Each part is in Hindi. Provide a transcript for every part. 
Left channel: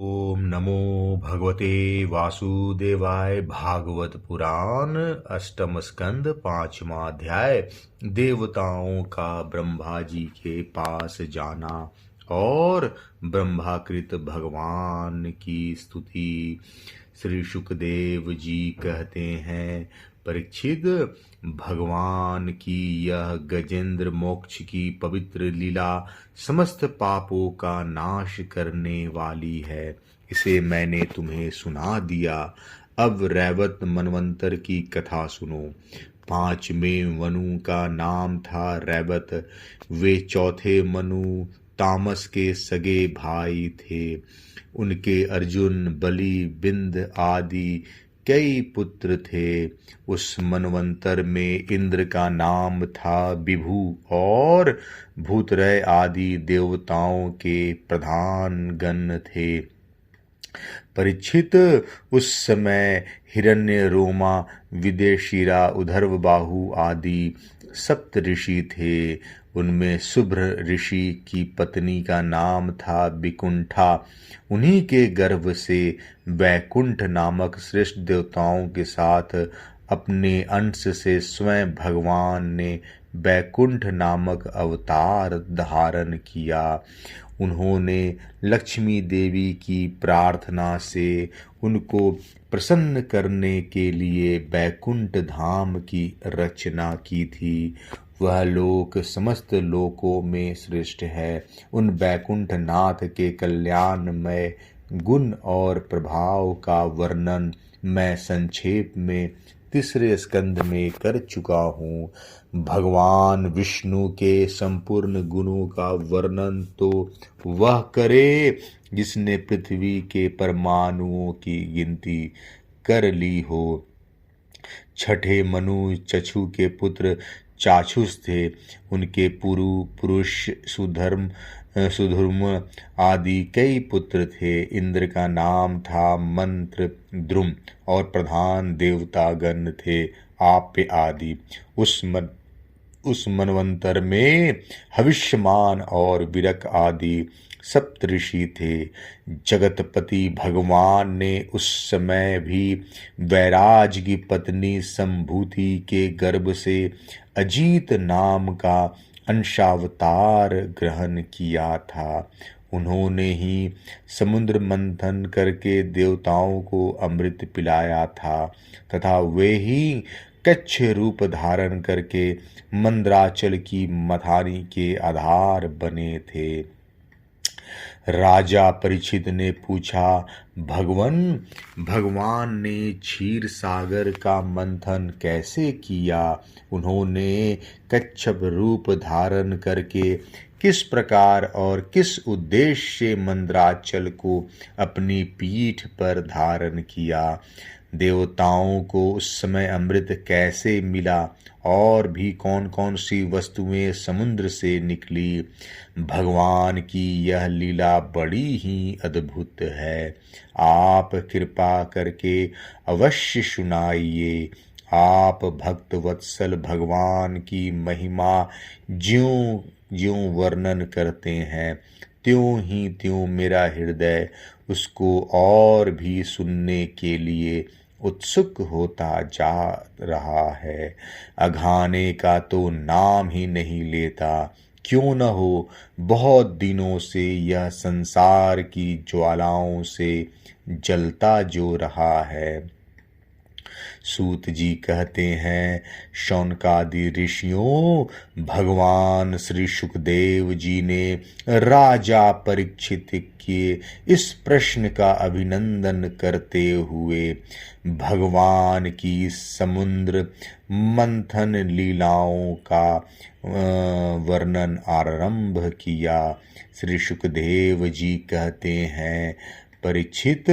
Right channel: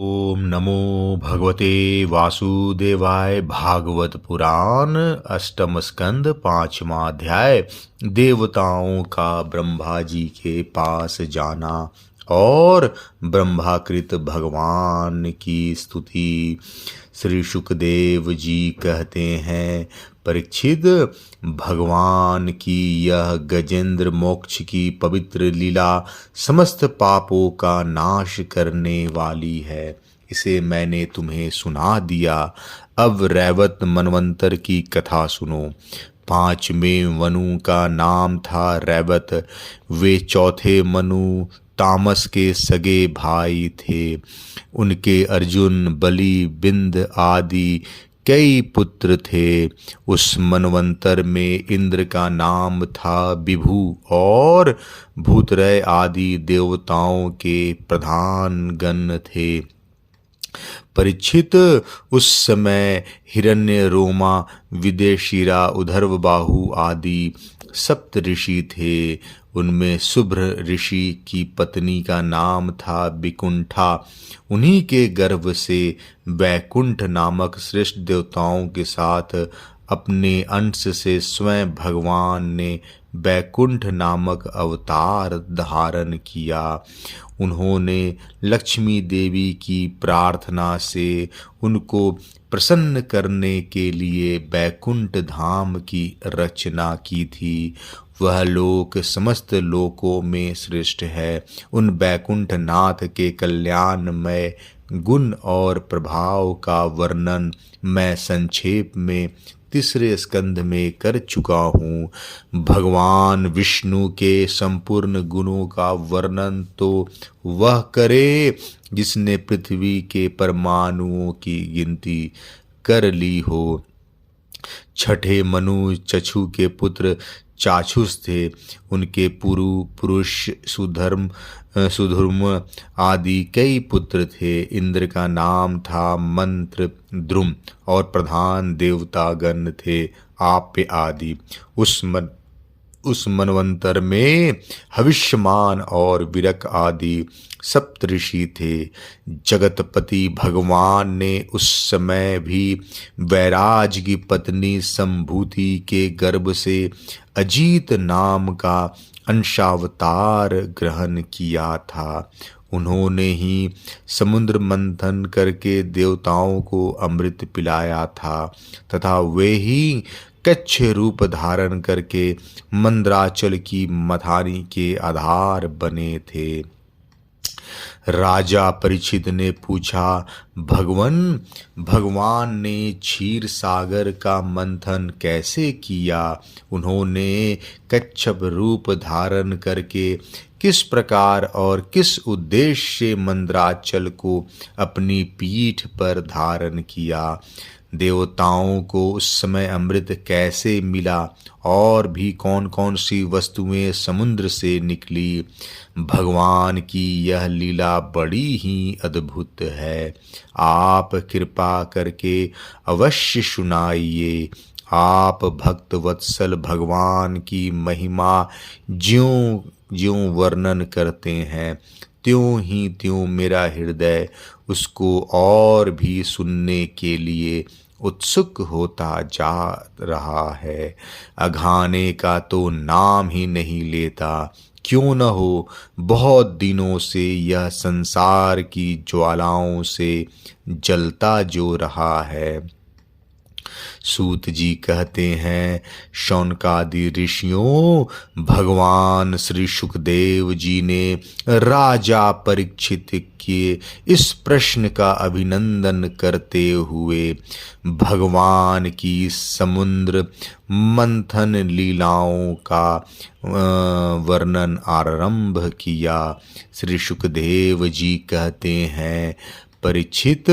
ओम नमो भगवते वासुदेवाय। भागवत पुराण अष्टम स्कंद पांचवा अध्याय। देवताओं का ब्रह्मा जी के पास जाना और ब्रह्माकृत भगवान की स्तुति। श्री शुकदेव जी कहते हैं, परीक्षित, भगवान की यह गजेंद्र मोक्ष की पवित्र लीला समस्त पापों का नाश करने वाली है। इसे मैंने तुम्हें सुना दिया। अब रैवत मनवंतर की कथा सुनो। पांचवें मनु का नाम था रैवत। वे चौथे मनु तामस के सगे भाई थे। उनके अर्जुन, बलि, बिंद आदि कई पुत्र थे। उस मनवंतर में इंद्र का नाम था विभु और भूतरय आदि देवताओं के प्रधान गण थे। परीक्षित, उस समय हिरण्य रोमा, विदेशिरा, उधर्व बाहु आदि सप्त ऋषि थे। उनमें शुभ्र ऋषि की पत्नी का नाम था विकुंठा। उन्हीं के गर्भ से वैकुंठ नामक श्रेष्ठ देवताओं के साथ अपने अंश से स्वयं भगवान ने वैकुंठ नामक अवतार धारण किया। उन्होंने लक्ष्मी देवी की प्रार्थना से उनको प्रसन्न करने के लिए वैकुंठ धाम की रचना की थी। वह लोक समस्त लोकों में श्रेष्ठ है। उन वैकुंठ नाथ के कल्याणमय गुण और प्रभाव का वर्णन मैं संक्षेप में तीसरे स्कंद में कर चुका हूँ। भगवान विष्णु के संपूर्ण गुणों का वर्णन तो वह करे जिसने पृथ्वी के परमाणुओं की गिनती कर ली हो। छठे मनु चक्षु के पुत्र चाक्षुष थे। उनके पुरुष सुधर्म आदि कई पुत्र थे। इंद्र का नाम था मंत्र द्रुम और प्रधान देवता गण थे आप्य आदि। उस मनवंतर में हविष्यमान और विरक आदि सप्तऋषि थे। जगतपति भगवान ने उस समय भी वैराज की पत्नी संभूति के गर्भ से अजीत नाम का अंशावतार ग्रहण किया था। उन्होंने ही समुद्र मंथन करके देवताओं को अमृत पिलाया था तथा वे ही कच्छ रूप धारण करके मंद्राचल की मथारी के आधार बने थे। राजा परीक्षित ने पूछा, भगवान ने क्षीर सागर का मंथन कैसे किया? उन्होंने कच्छप रूप धारण करके किस प्रकार और किस उद्देश्य से मंद्राचल को अपनी पीठ पर धारण किया? देवताओं को उस समय अमृत कैसे मिला और भी कौन कौन सी वस्तुएं समुद्र से निकली? भगवान की यह लीला बड़ी ही अद्भुत है। आप कृपा करके अवश्य सुनाइए। आप भक्त वत्सल भगवान की महिमा ज्यों ज्यों वर्णन करते हैं त्यों ही त्यों मेरा हृदय उसको और भी सुनने के लिए उत्सुक होता जा रहा है। अघाने का तो नाम ही नहीं लेता। क्यों न हो, बहुत दिनों से यह संसार की ज्वालाओं से जलता जो रहा है। सूत जी कहते हैं, शौनकादि ऋषियों, भगवान श्री सुखदेव जी ने राजा परीक्षित के इस प्रश्न का अभिनंदन करते हुए भगवान की समुद्र मंथन लीलाओं का वर्णन आरंभ किया। श्री सुखदेव जी कहते हैं, परीक्षित,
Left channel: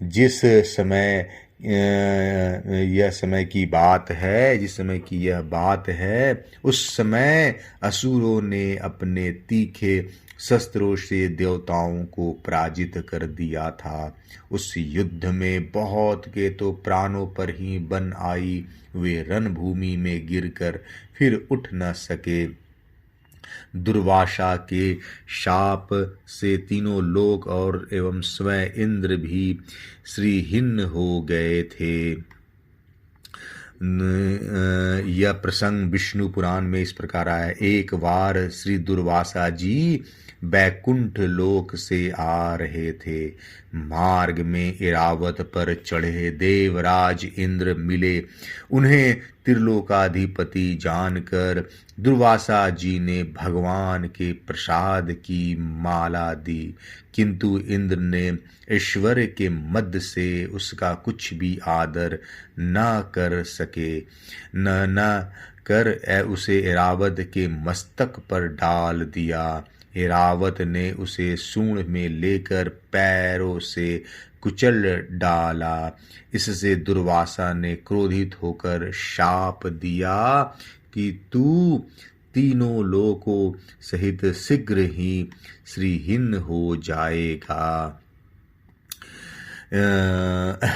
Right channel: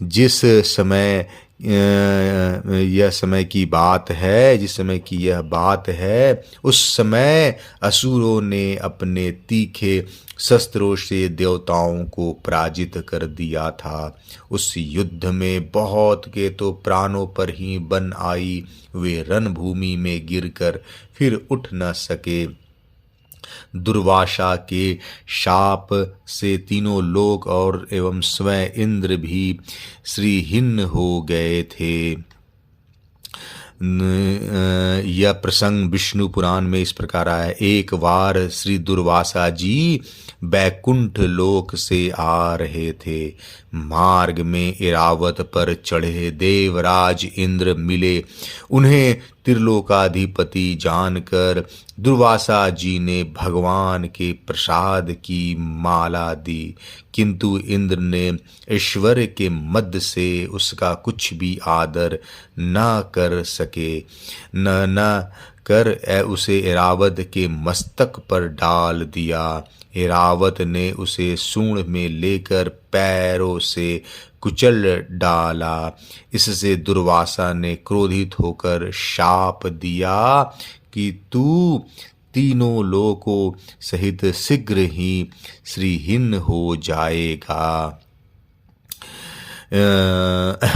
जिस समय यह समय की बात है, जिस समय की यह बात है, उस समय असुरों ने अपने तीखे शस्त्रों से देवताओं को पराजित कर दिया था। उस युद्ध में बहुत के तो प्राणों पर ही बन आई। वे रणभूमि में गिरकर फिर उठ न सके। दुर्वासा के शाप से तीनों लोक और एवं स्वयं इंद्र भी श्रीहीन हो गए थे। यह प्रसंग विष्णु पुराण में इस प्रकार आया। एक बार श्री दुर्वासा जी बैकुंठ लोक से आ रहे थे। मार्ग में इरावत पर चढ़े देवराज इंद्र मिले। उन्हें त्रिलोकाधिपति जानकर दुर्वासा जी ने भगवान के प्रसाद की माला दी, किंतु इंद्र ने ऐश्वर्य के मद से उसका कुछ भी आदर न कर सके। न कर उसे ऐरावत के मस्तक पर डाल दिया। ऐरावत ने उसे सूंड में लेकर पैरों से कुचल डाला। इससे दुर्वासा ने क्रोधित होकर शाप दिया कि तू तीनों लोकों सहित शीघ्र ही श्रीहीन हो जाएगा।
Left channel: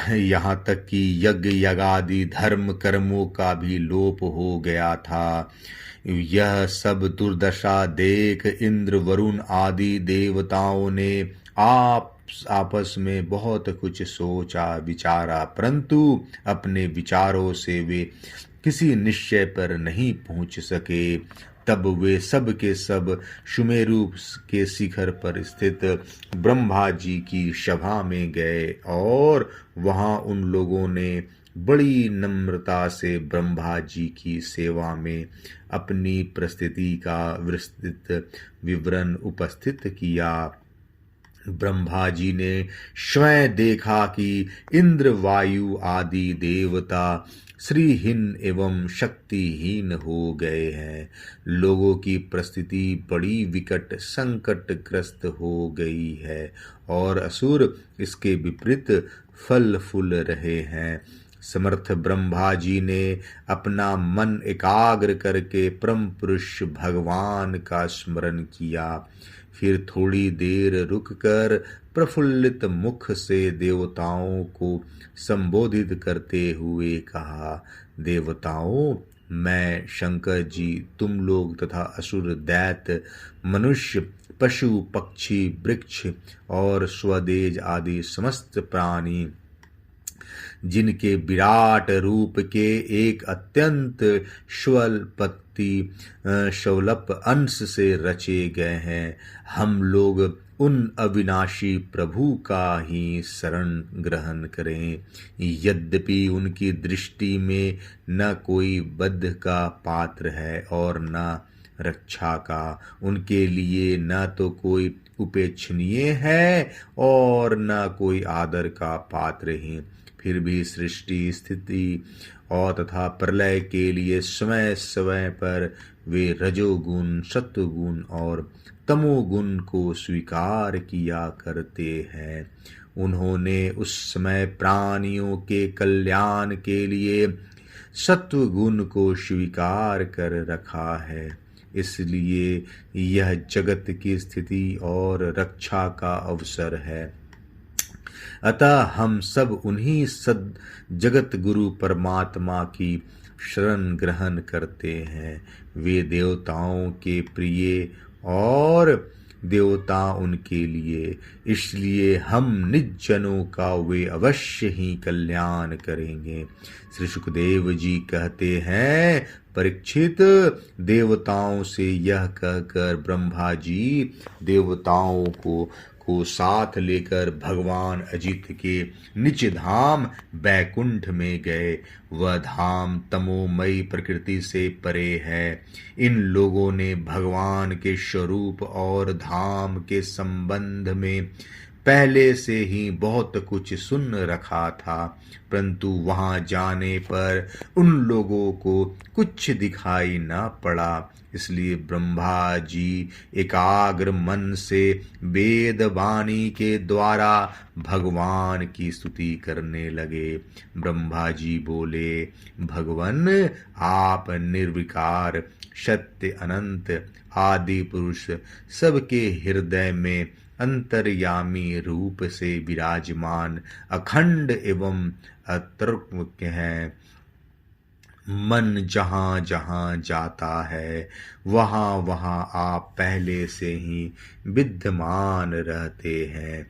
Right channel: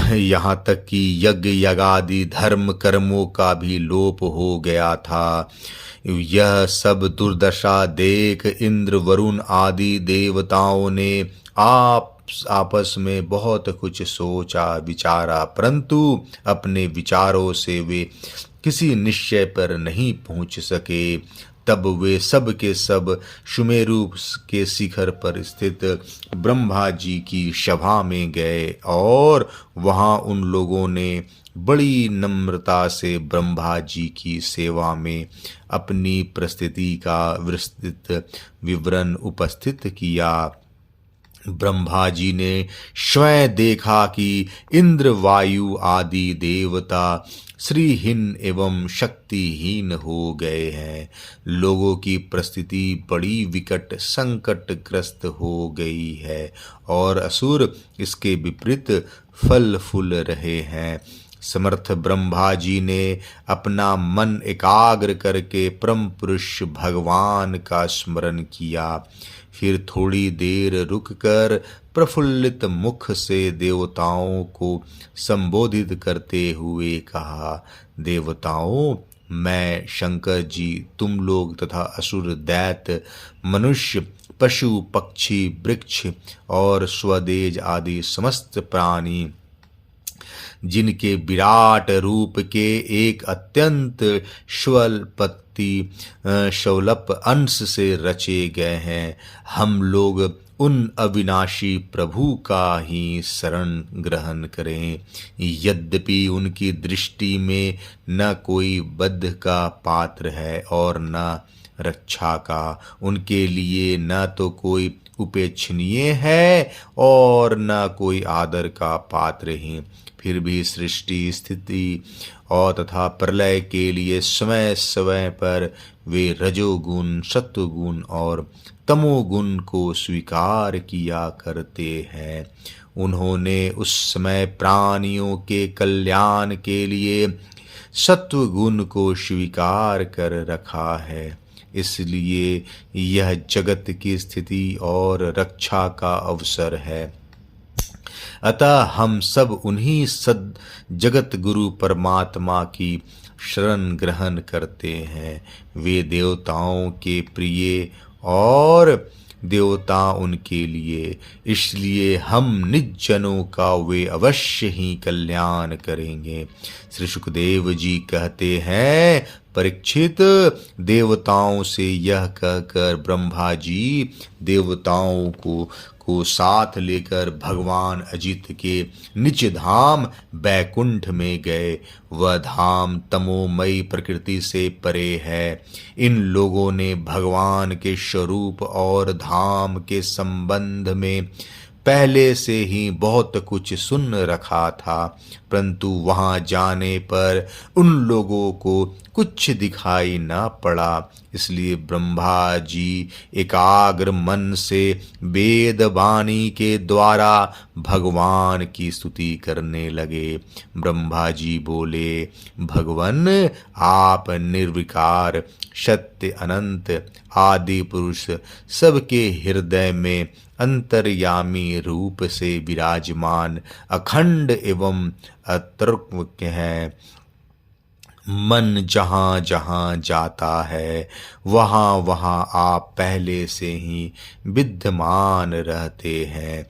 यहाँ तक कि यज्ञ यागादि धर्म कर्मों का भी लोप हो गया था। यह सब दुर्दशा देख इंद्र वरुण आदि देवताओं ने आपस में बहुत कुछ सोचा विचारा, परंतु अपने विचारों से वे किसी निश्चय पर नहीं पहुंच सके। तब वे सब के सब सुमेरु के शिखर पर स्थित ब्रह्मा जी की सभा में गए और वहां उन लोगों ने बड़ी नम्रता से ब्रह्मा जी की सेवा में अपनी परिस्थिति का विस्तृत विवरण उपस्थित किया। ब्रह्मा जी ने स्वयं देखा कि इंद्र वायु आदि देवता श्रीहीन एवं शक्तिहीन हो गए हैं। लोगों की परिस्थिति बड़ी विकट संकटग्रस्त हो गई है और असुर इसके विपरीत फल फूल रहे हैं। समर्थ ब्रह्मा जी ने अपना मन एकाग्र करके परम पुरुष भगवान का स्मरण किया। फिर थोड़ी देर रुककर प्रफुल्लित मुख से देवताओं को संबोधित करते हुए कहा, देवताओं, मैं शंकर जी तुम लोग तथा असुर दैत्य मनुष्य पशु पक्षी वृक्ष और स्वदेज आदि समस्त प्राणी जिनके विराट रूप के एक अत्यंत स्वल्प अंश से रचे गए हैं, हम लोग उन अविनाशी प्रभु का ही शरण ग्रहण करें। यद्यपि उनकी दृष्टि में न कोई बद्ध का पात्र है और न रक्षा का, उनके लिए न तो कोई उपेक्षणीय है और न कोई आदर का पात्र ही। फिर भी सृष्टि स्थिति और तथा प्रलय के लिए समय समय पर वे रजोगुण सत्वगुण और तमोगुण को स्वीकार किया करते हैं। उन्होंने उस समय प्राणियों के कल्याण के लिए सत्वगुण को स्वीकार कर रखा है, इसलिए यह जगत की स्थिति और रक्षा का अवसर है। अतः हम सब उन्हीं सद जगत गुरु परमात्मा की शरण ग्रहण करते हैं। वे देवताओं के प्रिय और देवता उनके लिए, इसलिए हम निज जनों का वे अवश्य ही कल्याण करेंगे। श्री सुखदेव जी कहते हैं, परीक्षित, देवताओं से यह कहकर ब्रह्मा जी देवताओं को साथ लेकर भगवान अजित के निज धाम बैकुंठ में गए। वह धाम तमोमयी प्रकृति से परे है। इन लोगों ने भगवान के स्वरूप और धाम के संबंध में पहले से ही बहुत कुछ सुन रखा था, परंतु वहां जाने पर उन लोगों को कुछ दिखाई न पड़ा। इसलिए ब्रह्मा जी एकाग्र मन से वेद वाणी के द्वारा भगवान की स्तुति करने लगे। ब्रह्मा जी बोले, भगवन, आप निर्विकार सत्य अनंत आदि पुरुष सबके हृदय में अंतर्यामी रूप से विराजमान अखंड एवं अतर्क्य हैं। मन जहाँ जहाँ जाता है वहाँ वहाँ आप पहले से ही विद्यमान रहते हैं।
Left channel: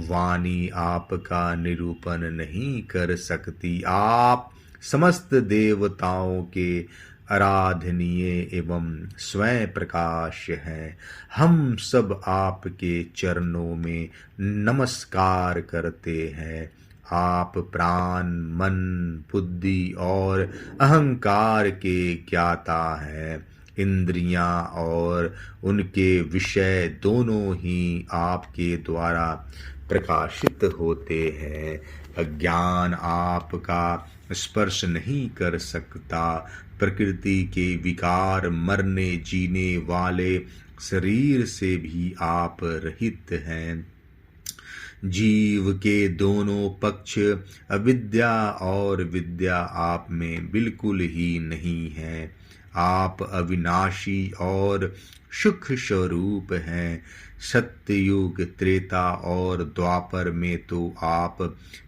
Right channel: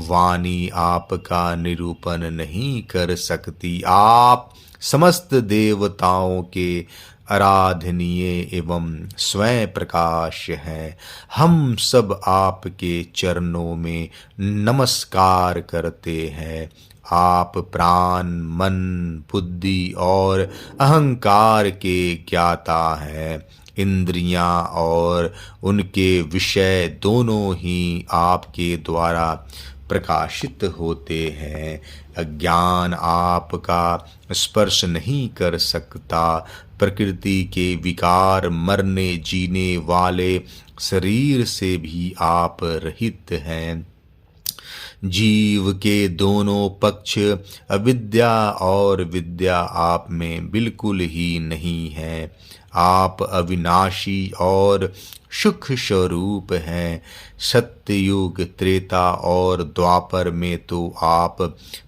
वाणी आपका निरूपण नहीं कर सकती। आप समस्त देवताओं के आराधनीय एवं स्वयं प्रकाश हैं। हम सब आपके चरणों में नमस्कार करते हैं। आप प्राण, मन, बुद्धि और अहंकार के ज्ञाता हैं। इंद्रियां और उनके विषय दोनों ही आपके द्वारा प्रकाशित होते हैं। अज्ञान आपका स्पर्श नहीं कर सकता। प्रकृति के विकार, मरने जीने वाले शरीर से भी आप रहित हैं। जीव के दोनों पक्ष अविद्या और विद्या आप में बिल्कुल ही नहीं है। आप अविनाशी और सुख स्वरूप हैं। सत्ययुग, त्रेता और द्वापर में तो आप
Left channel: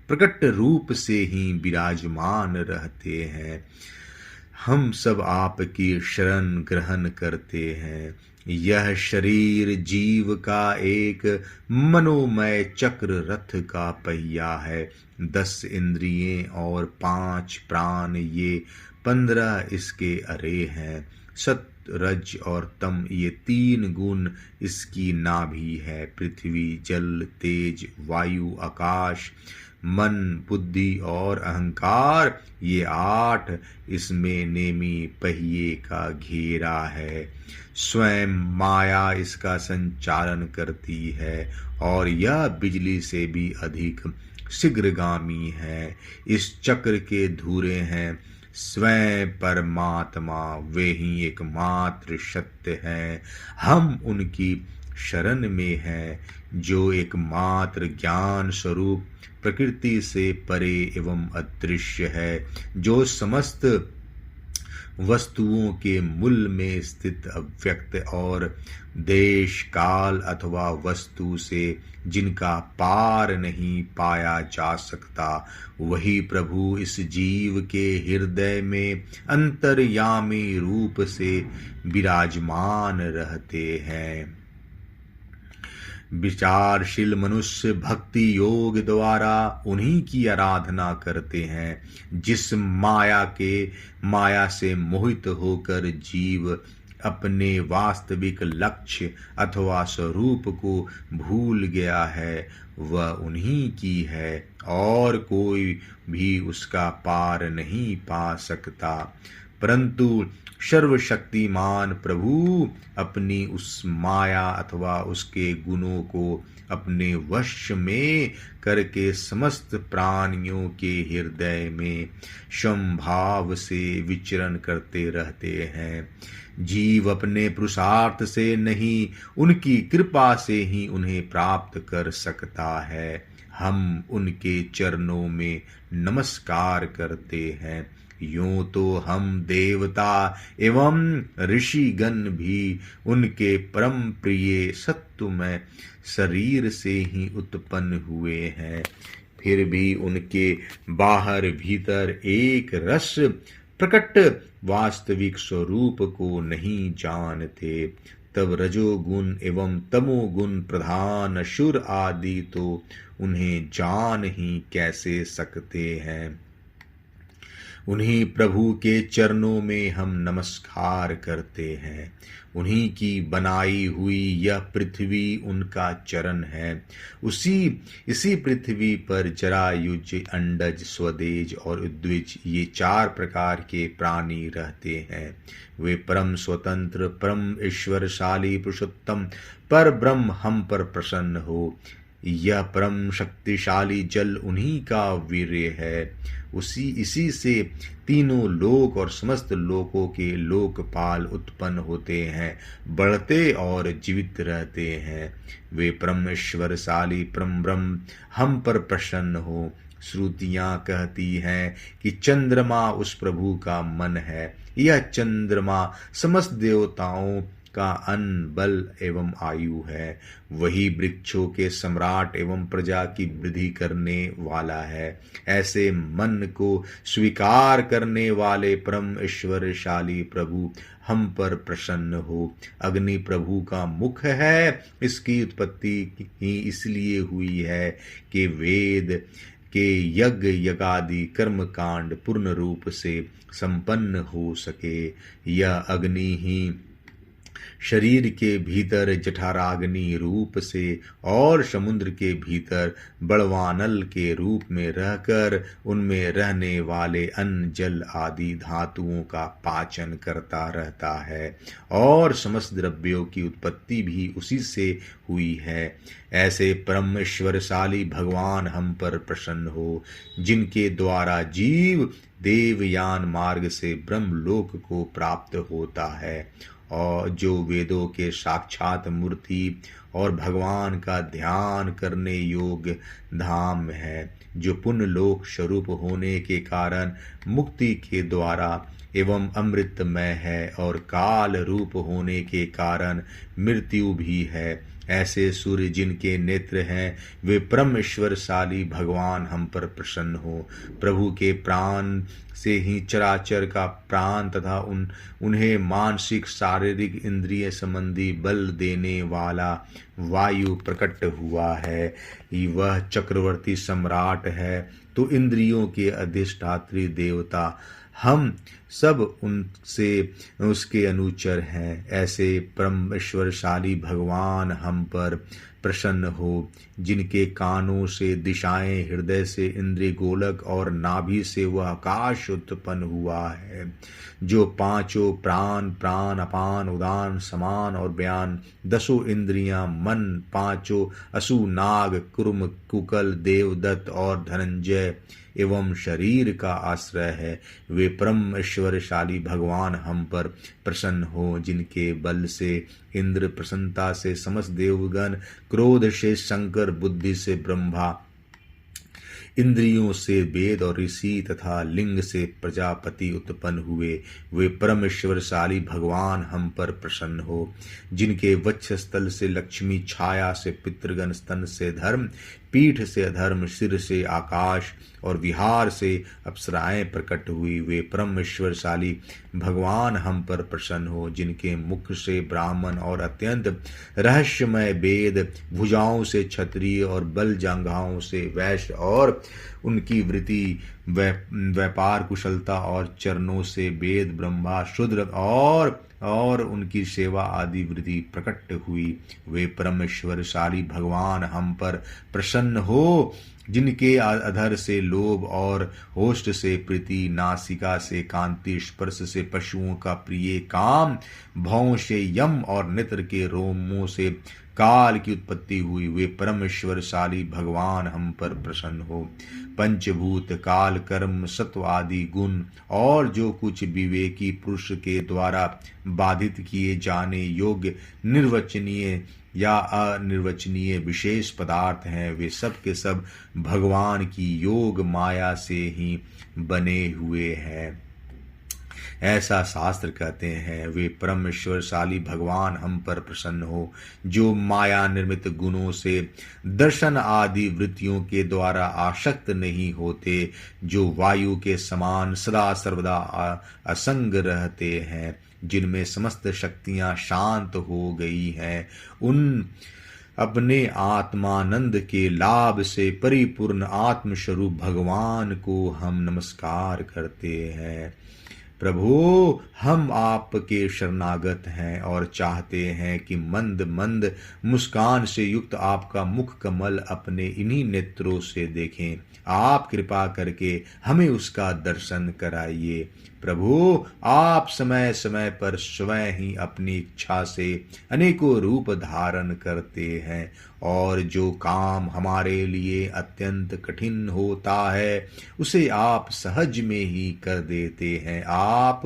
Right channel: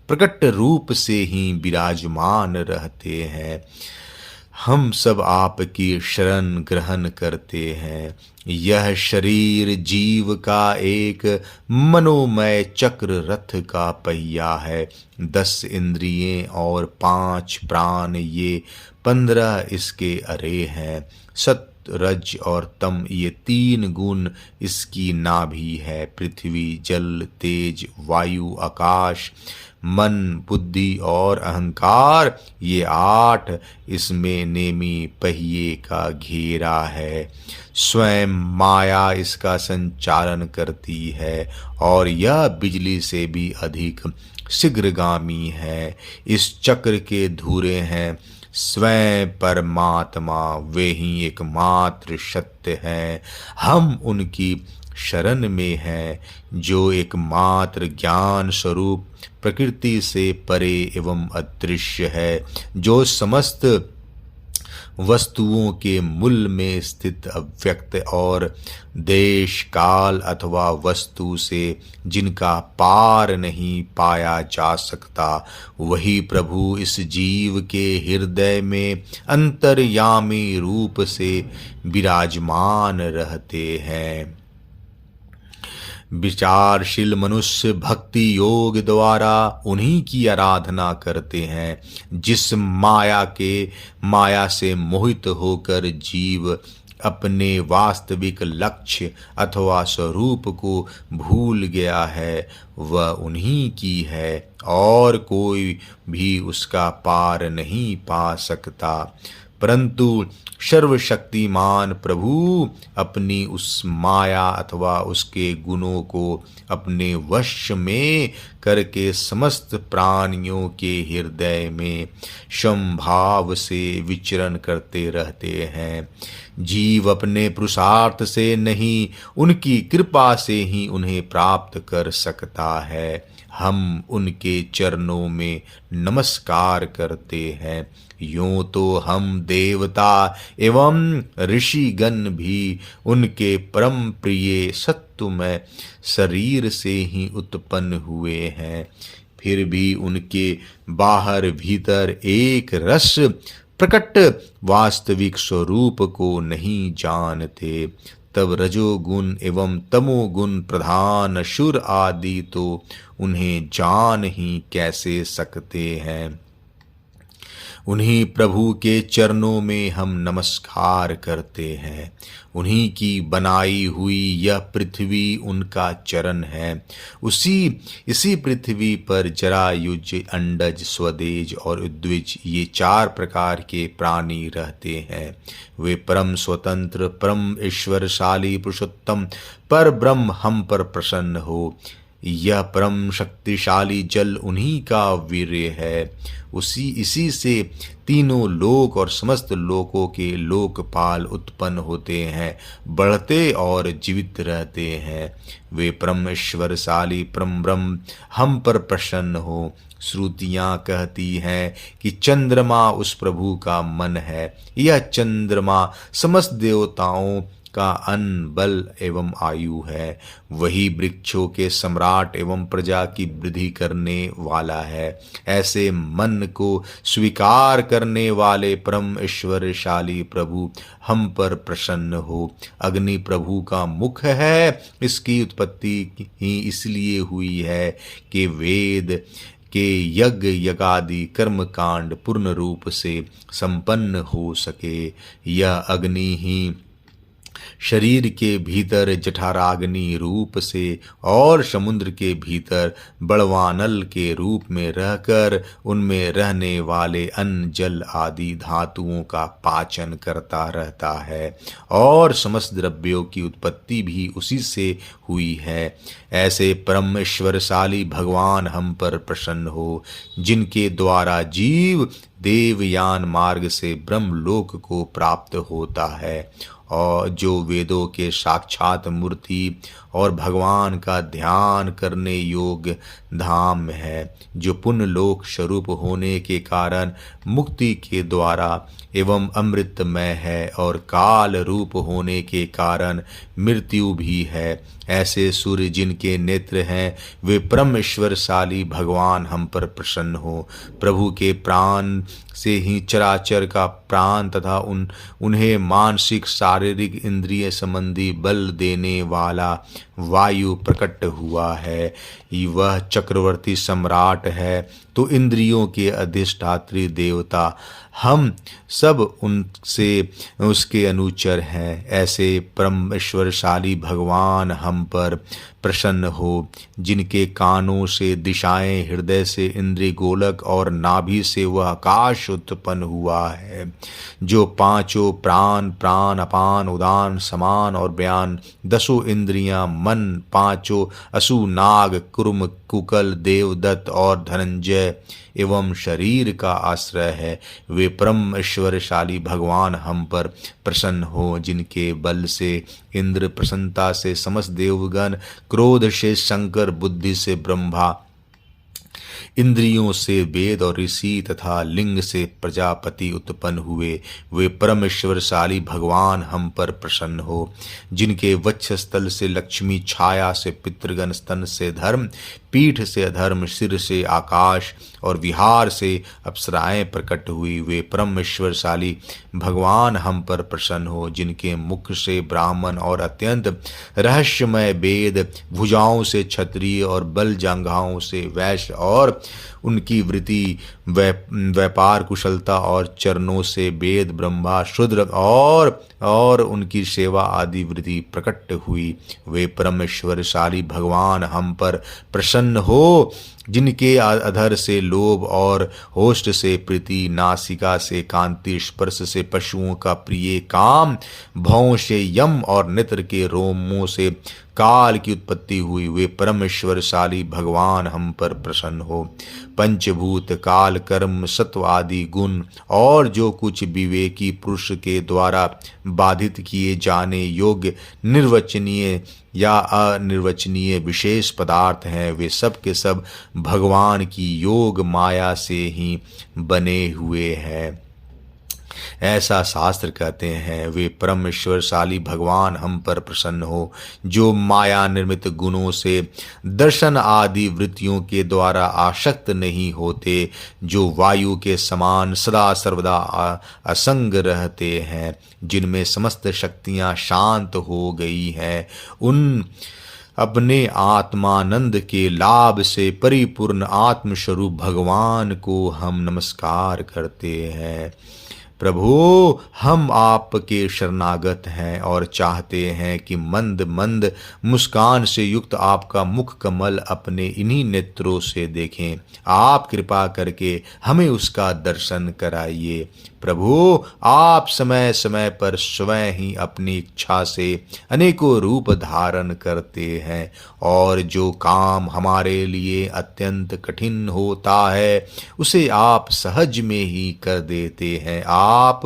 प्रकट रूप से ही विराजमान रहते हैं। हम सब आपकी शरण ग्रहण करते हैं। यह शरीर जीव का एक मनोमय चक्र रथ का पहिया है। 10 इंद्रियें और 5 प्राण, ये 15 इसके अरे हैं। सत्य, रज और तम, ये 3 गुण इसकी नाभि है। पृथ्वी, जल, तेज, वायु, आकाश, मन, बुद्धि और अहंकार, ये 8 इसमें नेमी पहिए का घेरा है। स्वयं माया इसका संचालन करती है और यह बिजली से भी अधिक शीघ्रगामी है। इस चक्र के धुरे हैं स्वयं परमात्मा, वे ही एकमात्र सत्य हैं। हम उनकी शरण में हैं जो एकमात्र ज्ञान स्वरूप, प्रकृति से परे एवं अदृश्य है, जो समस्त वस्तुओं के मूल में स्थित, अव्यक्त और देश काल अथवा वस्तु से जिनका पार नहीं पाया जा सकता, वही प्रभु इस जीव के हृदय में अंतर्यामी रूप से विराजमान रहते हैं। विचारशील मनुष्य भक्ति योग द्वारा उन्हीं की आराधना करते हैं। जिस माया से मोहित होकर जीव अपने वास्तविक लक्ष्य अथवा स्वरूप को भूल गया है, वह उन्हीं की है और कोई भी उसका पार नहीं पा सकता। परंतु सर्वशक्तिमान प्रभु अपनी उस माया अथवा उसके गुणों को अपने वश में करके समस्त प्राणियों के हृदय में समभाव से विचरण करते रहते हैं। जीव अपने पुरुषार्थ से नहीं, उनकी कृपा से ही उन्हें प्राप्त कर सकता है। हम उनके चरणों में नमस्कार करते हैं। यूं तो हम देवता एवं ऋषिगण भी उनके परम प्रिय सत्वमय शरीर से ही उत्पन्न हुए हैं, फिर भी उनके बाहर भीतर एक रस प्रकट वास्तविक स्वरूप को नहीं जानते। तब रजोगुण एवं तमोगुण प्रधान असुर आदि तो उन्हें जान ही कैसे सकते हैं। उन्हीं प्रभु के चरणों में हम नमस्कार करते हैं। उन्हीं की बनाई हुई यह पृथ्वी उनका चरण है। इसी पृथ्वी पर जरायुज, अंडज, स्वदेज और उद्विज, ये 4 प्रकार के प्राणी रहते हैं। वे परम स्वतंत्र, परम ईश्वरशाली पुरुषोत्तम पर ब्रह्म हम पर प्रसन्न हो। यह परम शक्तिशाली जल उन्हीं का वीर्य है। इसी से तीनों लोक और समस्त लोकों के लोकपाल उत्पन्न होते हैं, बढ़ते और जीवित रहते हैं। वे परम ईश्वरशाली परम ब्रह्म हम पर प्रसन्न हो। श्रुतियाँ कहती हैं कि चंद्रमा उस प्रभु का मन है। यह चंद्रमा समस्त देवताओं उसका अन्न, बल एवं आयु है। वही वृक्षों के सम्राट एवं प्रजा की वृद्धि करने वाला है। ऐसे मन को स्वीकार करने वाले परम ऐश्वर्यशाली प्रभु हम पर प्रसन्न हो। अग्नि प्रभु का मुख है। इसकी उत्पत्ति ही इसलिए हुई है कि वेद के यज्ञ यज्ञादि कर्म कांड पूर्ण रूप से संपन्न हो सके। यह अग्नि ही शरीर के भीतर जठराग्नि रूप से और समुद्र के भीतर बड़वानल के रूप में रहकर उनमें रहने वाले अन्न, जल आदि धातुओं का पाचन करता रहता है और समस्त द्रव्यों की उत्पत्ति भी उसी से हुई है। ऐसे परम ईश्वरशाली भगवान हम पर प्रसन्न हो, जिनके द्वारा जीव देवयान मार्ग से ब्रह्मलोक को प्राप्त होता है और जो वेदों के साक्षात मूर्ति और भगवान का ध्यान करने योग्य धाम है, जो पुण्य लोक स्वरूप होने के कारण मुक्ति के द्वारा एवं अमृतमय है और काल रूप होने के कारण मृत्यु भी है। ऐसे सूर्य जिनके नेत्र हैं, वे परम ईश्वरशाली भगवान हम पर प्रसन्न हो। प्रभु के प्राण से ही चराचर का प्राण तथा उन्हें मानसिक शारीरिक इंद्रिय संबंधी बल देने वाला वायु प्रकट हुआ है। वह चक्रवर्ती सम्राट है तो इंद्रियों के अधिष्ठात्री देवता हम सब उनसे उसके अनुचर हैं। ऐसे परम ईश्वरशाली भगवान हम पर प्रसन्न हो, जिनके कानों से दिशाएं, हृदय से इंद्रिय गोलक और नाभि से वह आकाश उत्पन्न हुआ है, जो पांचों प्राण, प्राण अपान उदान समान और बयान, दसों इंद्रियां, मन, पांचों असु, नाग, कुर्म, कुकल, देवदत्त और धनंजय एवं शरीर का आश्रय है। वे परम ऐश्वर्यशाली भगवान हम पर प्रसन्न हो, जिनके बल से इंद्र, प्रसन्नता से समस्त देवगण, क्रोध से शंकर, बुद्धि से ब्रह्मा, इंद्रियों से वेद और ऋषि तथा लिंग से प्रजापति उत्पन्न हुए। वे परमेश्वरशाली भगवान हम पर प्रसन्न हो, जिनके वक्षस्थल से लक्ष्मी, छाया से पितृगण, स्तन से धर्म, पीठ से अधर्म, सिर से आकाश और विहार से अप्सराएं प्रकट हुई। वे परमेश्वरशाली भगवान हम पर प्रसन्न हो, जिनके मुख से ब्राह्मण और अत्यंत रहस्यमय वेद, भुजाओं से क्षत्रिय और बल जांघाओं से वैश्य और उनकी वृत्ति, व्यापार कुशलता और चरणों से वेद, ब्रह्मा, शूद्र और उनकी सेवा आदि वृत्ति प्रकट हुई। वे परमेश्वरशाली भगवान हम पर प्रसन्न हो, जिनके अधर से लोभ और होष्ठ से प्रीति, नासिका से कांति, स्पर्श से पशुओं का प्रिय काम, भौं से यम और नेत्र के रोमों से काल की उत्पत्ति हुई। वे परमेश्वरशाली भगवान हम पर प्रसन्न हो। पंचभूत, काल, कर्म, सत्व आदि गुण और जो कुछ विवेकी पुरुष के द्वारा बाधित किए जाने योग्य निर्वचनीय या अनिर्वचनीय विशेष पदार्थ हैं, वे सब के सब भगवान की योग माया से ही बने हुए हैं। ऐसा शास्त्र कहते हैं। वे परमेश्वरशाली भगवान हम पर प्रसन्न हो, जो माया निर्मित गुणों से दर्शन आदि वृत्तियों के द्वारा आसक्त नहीं होते, जो वायु के समान सदा सर्वदा असंग रहते हैं, जिनमें समस्त शक्तियां शांत हो गई हैं। उन अपने आत्मानंद के लाभ से परिपूर्ण आत्मस्वरूप भगवान को हम नमस्कार करते हैं। प्रभु, हम आपके शरणागत हैं और चाहते हैं कि मंद मंद मुस्कान से युक्त आपका मुख कमल अपने इन्हीं नेत्रों से देखें। आप कृपा करके हमें उसका दर्शन कराइए। प्रभु, आप समय समय पर स्वयं ही अपनी इच्छा से अनेकों रूप धारण करते हैं और जो काम हमारे लिए अत्यंत कठिन होता है उसे आप सहज में ही कर देते हैं। आप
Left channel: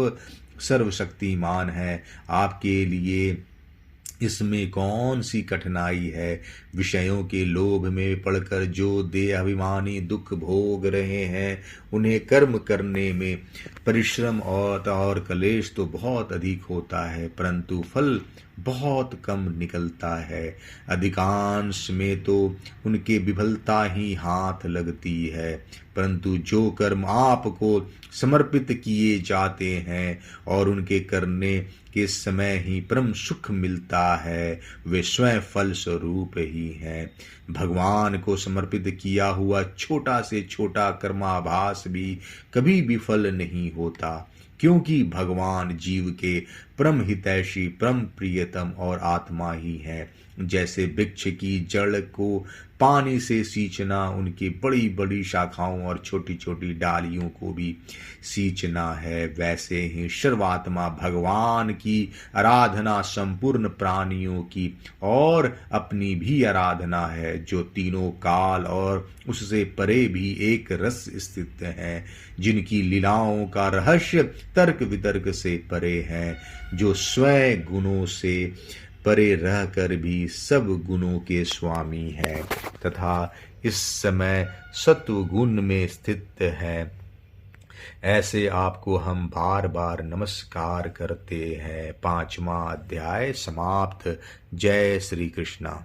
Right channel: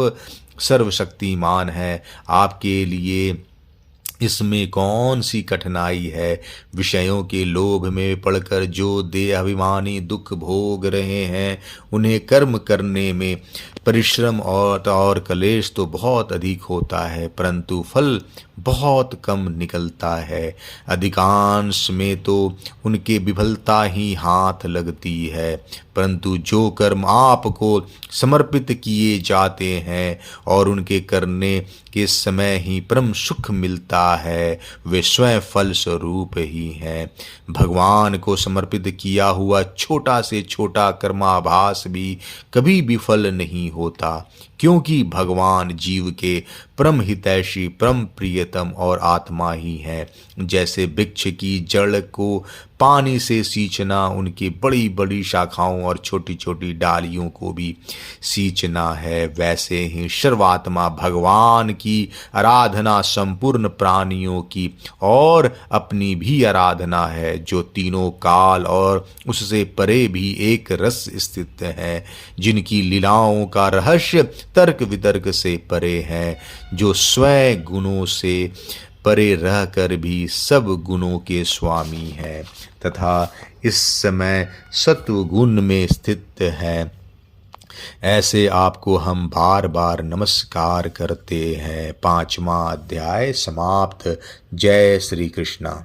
सर्वशक्तिमान हैं, आपके लिए इसमें कौन सी कठिनाई है। विषयों के लोभ में पड़कर जो देह अभिमानी दुख भोग रहे हैं, उन्हें कर्म करने में परिश्रम और क्लेश तो बहुत अधिक होता है, परंतु फल बहुत कम निकलता है। अधिकांश में तो उनके विफलता ही हाथ लगती है, परंतु जो कर्म आपको समर्पित किए जाते हैं और उनके करने के समय ही परम सुख मिलता है, वे स्वयं फल स्वरूप ही हैं। भगवान को समर्पित किया हुआ छोटा से छोटा कर्माभास भी कभी विफल नहीं होता, क्योंकि भगवान जीव के परम हितैषी, परम प्रियतम और आत्मा ही है। जैसे वृक्ष की जड़ को पानी से सींचना उनकी बड़ी बड़ी शाखाओं और छोटी छोटी डालियों को भी सींचना है, वैसे ही सर्वात्मा भगवान की आराधना संपूर्ण प्राणियों की और अपनी भी आराधना है, जो तीनों काल और उससे परे भी एक रस स्थित है, जिनकी लीलाओं का रहस्य तर्क वितर्क से परे है, जो स्वयं गुणों से परे रहकर भी सब गुणों के स्वामी है तथा इस समय सत्व गुण में स्थित है। ऐसे आपको हम बार बार नमस्कार करते हैं। 5वां अध्याय समाप्त। जय श्री कृष्णा।